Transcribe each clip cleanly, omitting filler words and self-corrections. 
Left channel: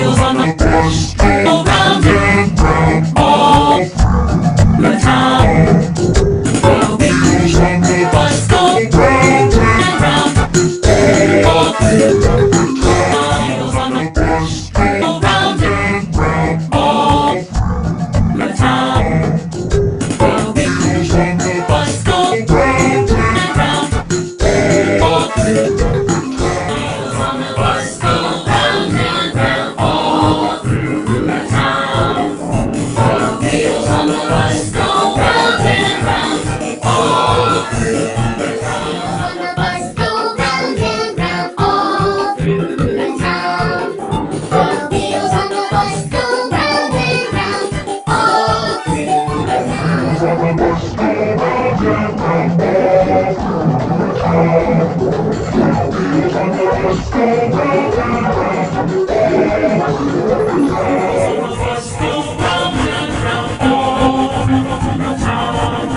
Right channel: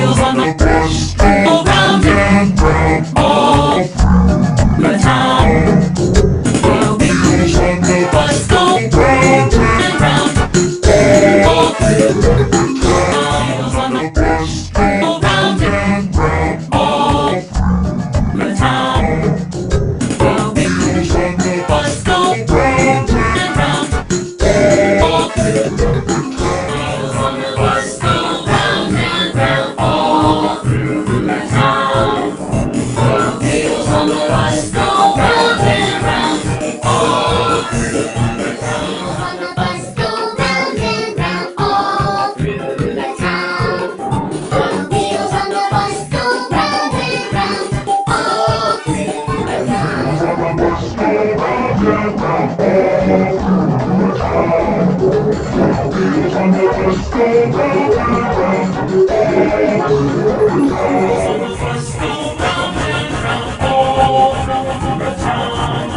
wheels on the bus go round and round all through the town. The wheels on the bus go round and round all through the town. Wheels on the bus go round and round all through the town. The wheels on the bus go round and round all through the town. Wheels on the bus go round and round all through the town. The wheels on the bus go round and round all through the town. On the bus go round and round all through the town. The wheels on the bus go round and round all through the town. On the bus go round and round all through the town. The wheels on the bus go round and round all through the town. The bus go round and round all through the town.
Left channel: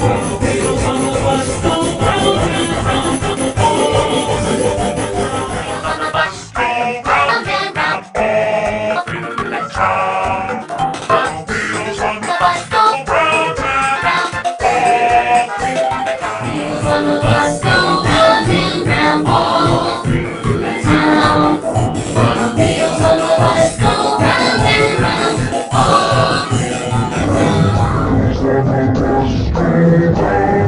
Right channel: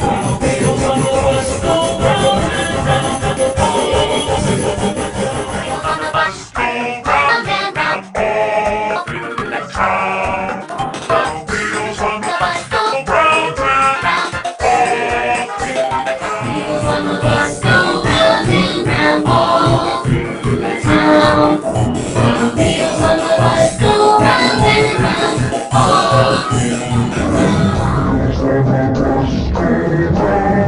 The wheels on the bus go round and round all through the town. On the bus go round and round all through the town. The wheels on the bus go round and round all through the town. Wheels on the bus go round and round all through the town. The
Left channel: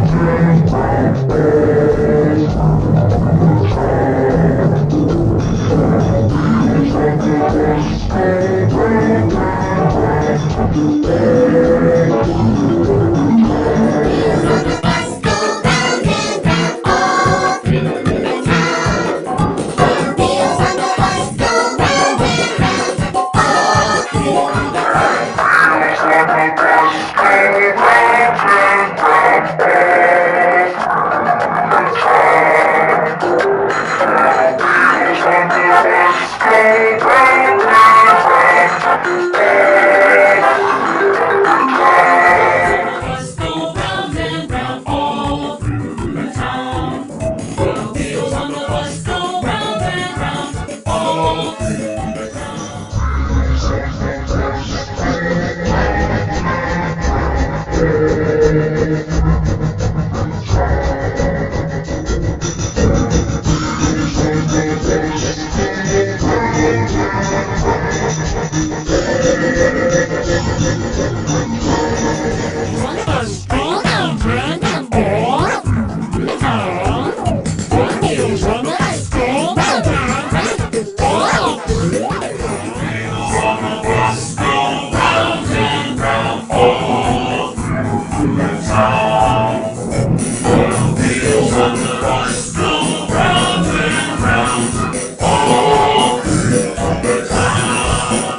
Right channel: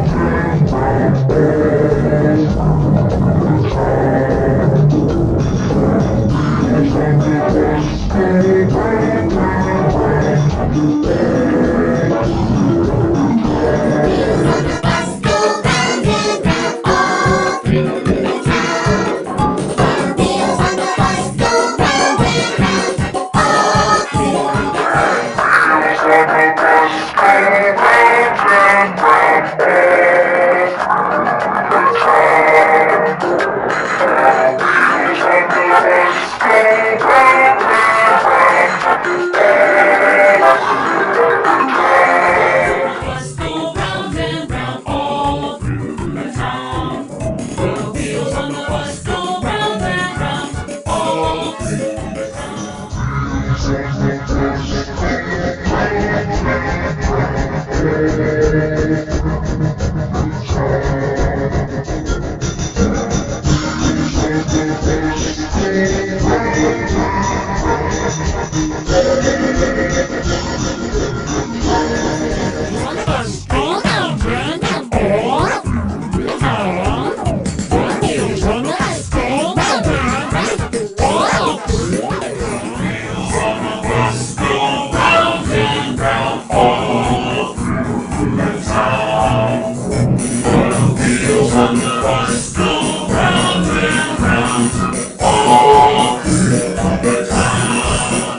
wheels on the bus go round and round all through the Wheels on the bus go round and round all through the town. The wheels on the bus go round and round all through the town. Bus go round and round all through the town. The wheels on the bus go round and round all through the town. On the bus go round and round all through the town. The wheels on the bus go round and round all through the town. Wheels on the bus go round and round all through the town. The wheels on the bus